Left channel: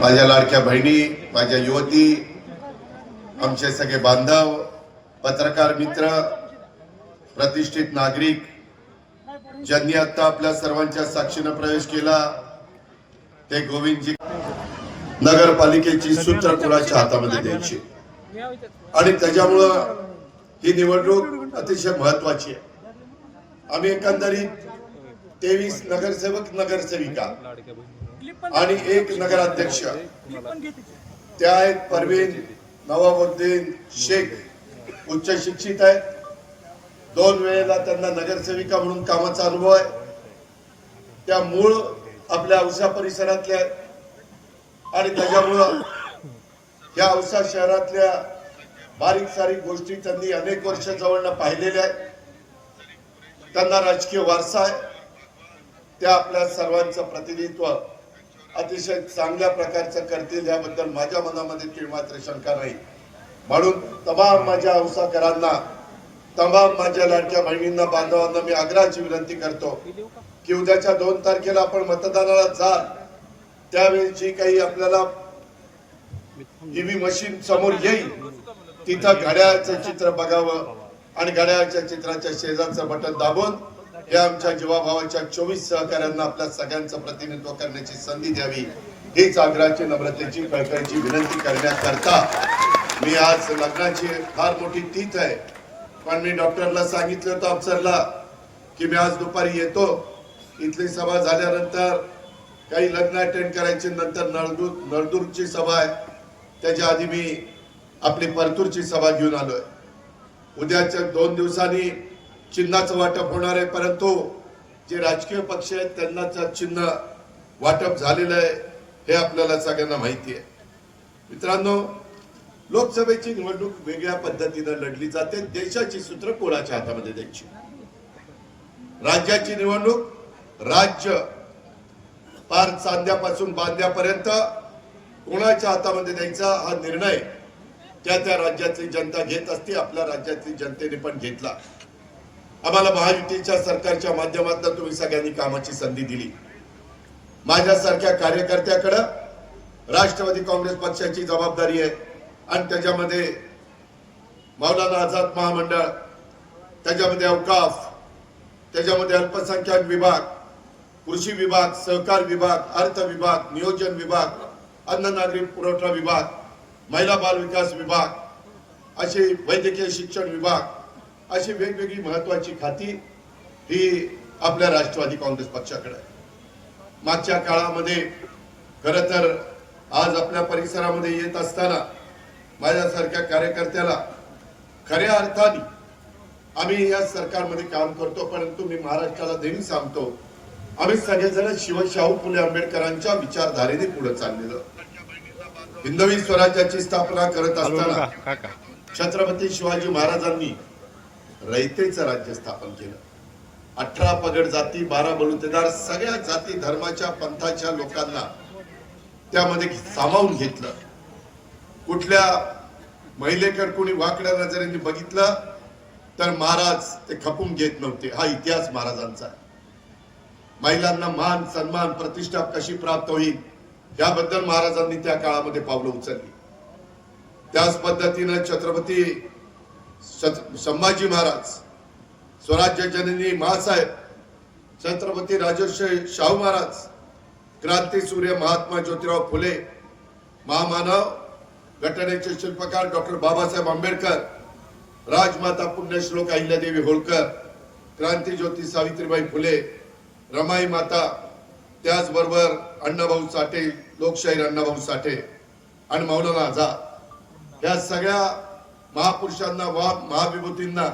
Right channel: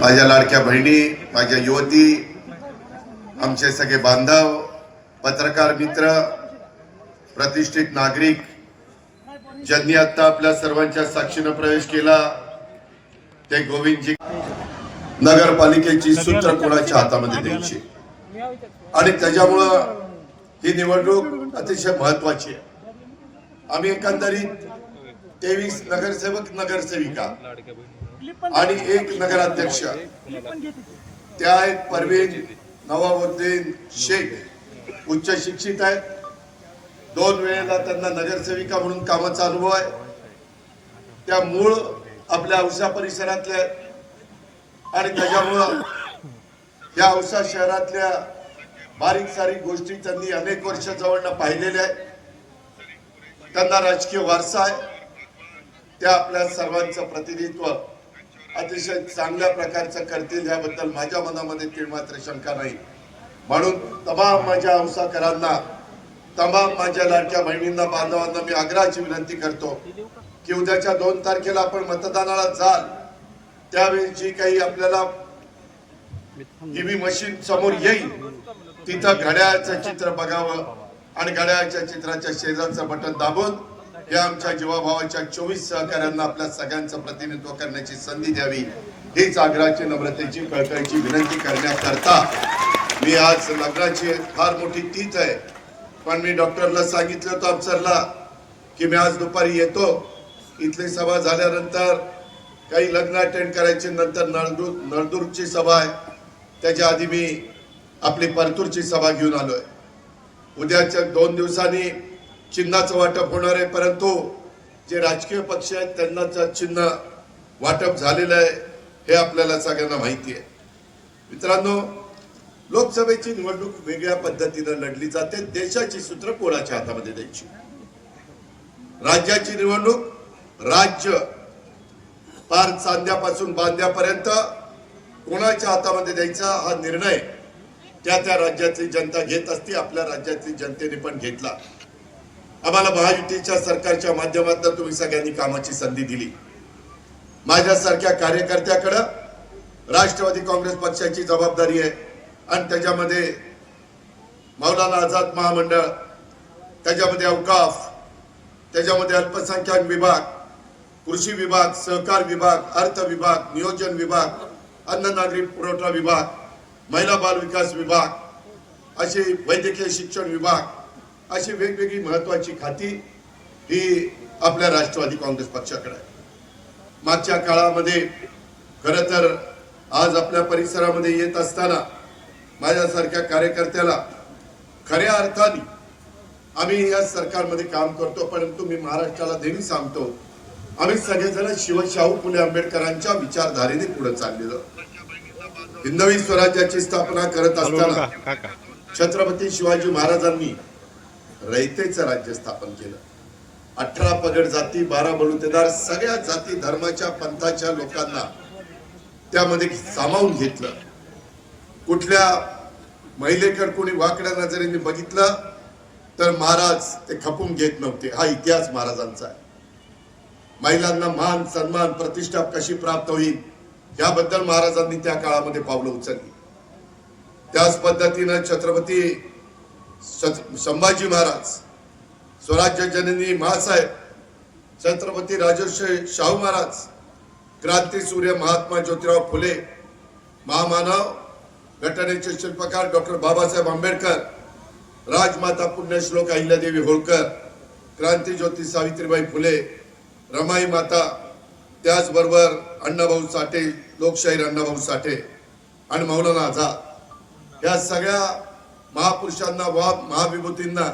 माझ्या लाडक्या बहिणी माझ्या युवती आमचे सगळे बांधव पत्रकार मित्र प्रतिष्ठित नागरिक ज्यांनी आता आपल्या सर्वांच्या साक्षीनं प्रवेश केला ते गोविंदजी नगरपालिकेची सूत्र कोणाच्या हातामध्ये द्यायची? आणि त्याच्यामुळं ही निवडणूक अतिशय महत्वाची आहे. आम्ही एकंदरीत तेवीस नगरसेवक नगरसेविका आणि एक नगराध्यक्ष. त्या आहेत परवीन नवाबुद्दीन शेख. उच्च शिक्षित आहेत. दोन वेळेला त्यांना नगरसेविका म्हणून कामाचा अनुभव आहे. त्या मूळ आपल्या औसा परिसरातल्या आणि त्याच्यामुळं या औसा शहरातल्या बारीक सारीक गोष्टी त्यांनी अनेक वर्ष जवळनं पाहिलेल्या आहेत. त्यांना राजकीय वारसा आहे. त्या आपल्या सर्वांचं प्रतिनिधित्व अतिशय चांगल्या प्रकारचं करतील याबद्दल माझ्या मनामध्ये तीळ मात्र शंका नाही. म्हणून तमाम माझ्या अंसाकरांना तमाम माझ्या लाडक्या बहिणींना बांधवांना मी आग्रहाची विनंती करतो की उद्याच्या दोन तारखेला आपण मतदानाला जाल. त्यावेळी जी काही आपल्याला ईव्ही मशीन समोर येईल तिथं घड्याळाचं चित्र बघावं आणि घड्याळाच्या चित्राच्या शेजारचं बटन दाबून या आमच्या जीवाभावाच्या चोवीस सहकाऱ्यांना आपल्या सगळ्यांचं प्रतिनिधित्व करण्याची संधी द्यावी. हीच आग्रहाची नम्रतेची कळकळीची विनंती करण्याकरता मी आज लग्नाची फार मोठी तीच आहे. पण मी डॉक्टरला सांगितलं होतं अफसरला की मी आज दुपारी येतो. इथली सभा झाल्यानंतर काही लग्न अटेंड करायची नंतर नळदूर नळदूरची सभा आहे. त्याच्या आधी मी आपली परतूरची सभा घेऊन आलोय. उद्याच्या दोन दिवसांनी चिन्हाचं वाटप होणार आहे परंतु जे राजकीय पक्ष आहेत त्यांनाच चिन्ह वाटप झालेलं आहे हे आपल्याला सगळ्यांना माहिती आहे. मित्रांनो लोकसभेची निवडणूक वेगळ्या पद्धतीने लढली जाते देशाची सूत्र कोणाच्या हातामध्ये द्यायची? राज्याची निवडणूक राज्य पार चांद्यापासून बांध्यापर्यंत कोणाच्या हातामध्ये द्यायचा हा निर्णय त्या त्या राज्यातली जनता घेत असते आपल्या राज्यातली जनतेने पण घेतला. आम्हाला महायुतीच्या सरकारच्या माध्यमातून तुम्ही सगळ्यांनी कामाची संधी दिली. माझ्यासारख्या कार्यकर्त्याकडं राष्ट्रवादी काँग्रेस पक्षाची जबाबदारी आहे. आणि त्याच्यामध्ये मौलाना आझाद महामंडळ त्याच्यामध्ये अवकाफ त्याच्यामध्ये अल्पसंख्याक विभाग कृषी विभाग सहकार विभाग अर्थ विभाग नियोजन विभाग अन्न नागरी पुरवठा विभाग महिला बाल विकास विभाग असे वैद्यकीय शिक्षण विभाग अशी वेगवेगळी महत्वाची खाती ही आपल्या राष्ट्रवादी काँग्रेस पक्षाकडे आहे. मागच्या काळामध्ये खर तर आज आपल्या परिसरामध्ये येत असताना माझ्यासारख्या कार्यकर्त्याला खऱ्या अर्थाने आम्ही या सरकारमध्ये काम करतो परंतु मी महाराष्ट्राला नेहमी सांगतो आम्ही सगळेजण शिवशाहू फुले आंबेडकरांच्या विचारधारेने पुढे चाललेलो. हिंदवी स्वराज्याची स्थापना करत असताना छत्रपती शिवाजी महाराजांनी रयतेचं राज्य स्थापन केलं. अठरा पगड जाती बारा बलुतेदार सगळ्या जाती धर्माच्या पंथाच्या लोकांना त्यामध्ये सामावून घेतलं. कुठल्या महिलेकडे कोणी वाकड्या नजरेने बघितलं तर महाराज ते खपून घेत नव्हते. हा इतिहास महाराजांचा आहे. महिलांना मान सन्मान प्रतिष्ठा कशी प्राप्त होईल याबद्दल महाराजांनी त्या काळामध्ये पावलं उचलली. त्याच पद्धतीनं छत्रपती संभाजी महाराज स्वराज्य जननी महासाहेब छत्रपती राजर्षी शाहू महाराज क्रांती सूर्य महात्मा ज्योतिराव फुले महामानव घटनेचे शिल्पकार डॉक्टर बाबासाहेब आंबेडकर राजमाता पुण्यश्लोक अहिल्यादेवी होळकर क्रांती ज्योती सावित्रीबाई फुले रमाई माता त्याचबरोबर अण्णाभाऊ साठे लोकशाहीर अण्णाभाऊ साठे आणि मौलाना आझाद. या सगळ्या महापुरुषांना वा महाविभूतींना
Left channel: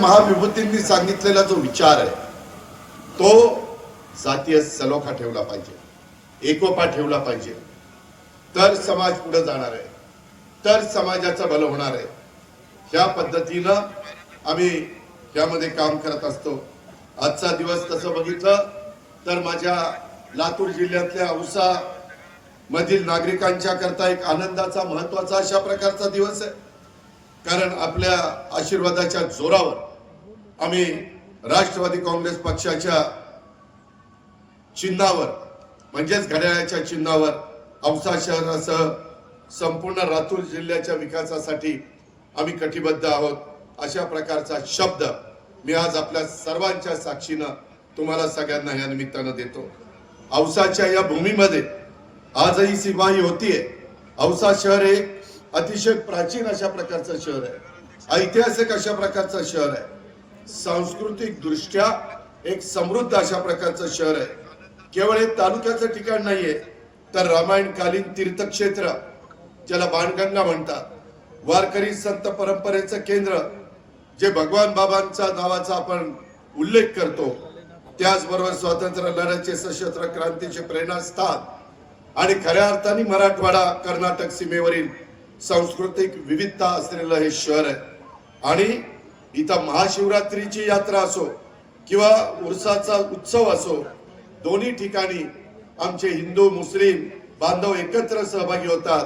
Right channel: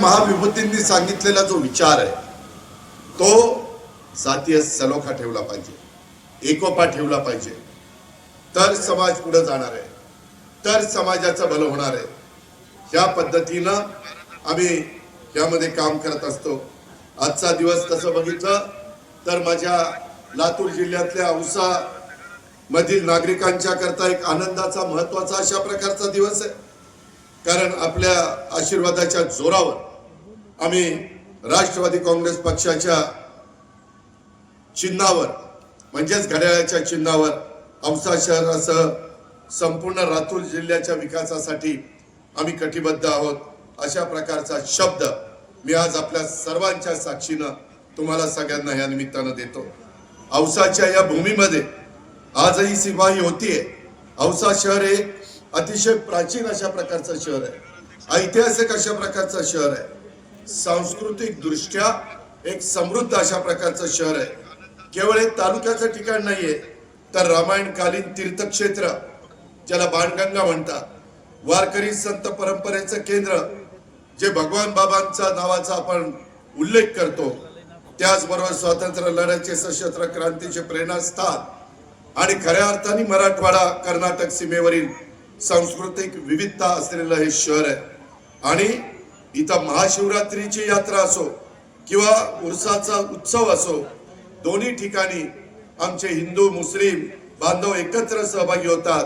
महाविभूतींनी सांगितलेला जो विचार आहे तो जातीय सलोखा ठेवला पाहिजे एकोपा ठेवला पाहिजे. तर समाज पुढे जाणार आहे तर समाजाचं भलं होणार आहे. ह्या पद्धतीनं आम्ही यामध्ये काम करत असतो. आजचा दिवस तसं बघितलं तर माझ्या लातूर जिल्ह्यातल्या औसा मधील नागरिकांच्या करता एक आनंदाचा महत्त्वाचा अशा प्रकारचा दिवस आहे. कारण आपल्या आशीर्वादाच्या जोरावर आम्ही राष्ट्रवादी काँग्रेस पक्षाच्या चिन्हावर म्हणजेच घड्याळाच्या चिन्हावर औसा शहरासह संपूर्ण लातूर जिल्ह्याच्या विकासासाठी आम्ही कटिबद्ध आहोत. अशा प्रकारचा शब्द मी आज आपल्या सर्वांच्या साक्षीनं तुम्हाला सगळ्यांना या निमित्तानं देतो. औसाच्या या भूमीमध्ये आजही सिपाही होतीये. औसा शहर एक अतिशय प्राचीन अशा प्रकारचं शहर आहे. ऐतिहासिक अशा प्रकारचं शहर आहे. सांस्कृतिक दृष्ट्या एक समृद्ध अशा प्रकारचं शहर आहे. केवळ एक तालुक्याचं ठिकाण नाहीये तर रामायणकालीन तीर्थक्षेत्र ज्याला बाणगंगा म्हणतात वारकरी संत परंपरेचं केंद्र जे भगवान बाबांचा नावाचा आपण उल्लेख करतो त्याचबरोबर स्वातंत्र्य लढ्याचे सशस्त्र क्रांतीचे प्रेरणास्थान आणि खऱ्या अर्थाने मराठवाडा कर्नाटक सीमेवरील सांस्कृतिक विविधता असलेलं हे शहर आहे. आणि इथं महाशिवरात्रीची यात्रा असो किंवा उरसाचा उत्सव असो दोन्ही ठिकाणी आमचे हिंदू मुस्लिम बांधव एकत्र सहभागी होतात.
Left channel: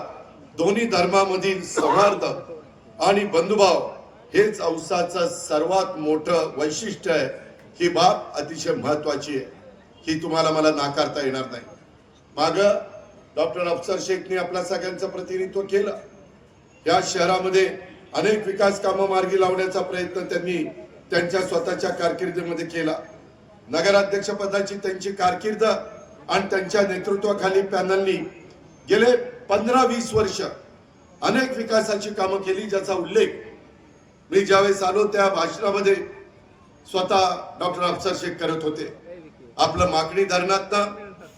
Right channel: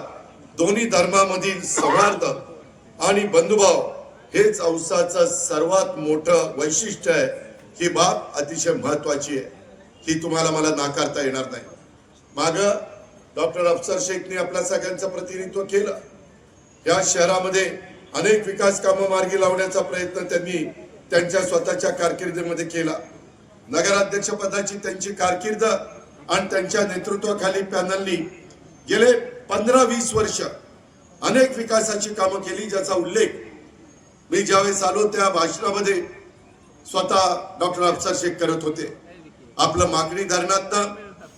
दोन्ही धर्मामधील सौहार्द आणि बंधुभाव हेच औसाचं सर्वात मोठं वैशिष्ट्य आहे. ही बाब अतिशय महत्वाची आहे. ही तुम्हाला मला नाकारता येणार नाही. माग डॉक्टर अफसर शेखने आपल्या सगळ्यांचं प्रतिनिधित्व केलं. या शहरामध्ये अनेक विकास कामं मार्गी लावण्याचा प्रयत्न त्यांनी त्यांच्या स्वतःच्या कारकिर्दीमध्ये केला. नगराध्यक्ष पदाची त्यांची कारकीर्द आणि त्यांच्या नेतृत्वाखाली पॅनलनी गेले पंधरा वीस वर्ष अनेक विकासाची कामं केली ज्याचा उल्लेख मी ज्यावेळेस आलो त्या भाषणामध्ये स्वतः डॉक्टर अफसर शेख करत होते. आपलं मागणी धरणात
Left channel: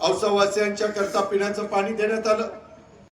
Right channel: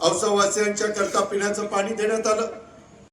औसावासियांच्या करता पिण्याचं पाणी देण्यात आलं.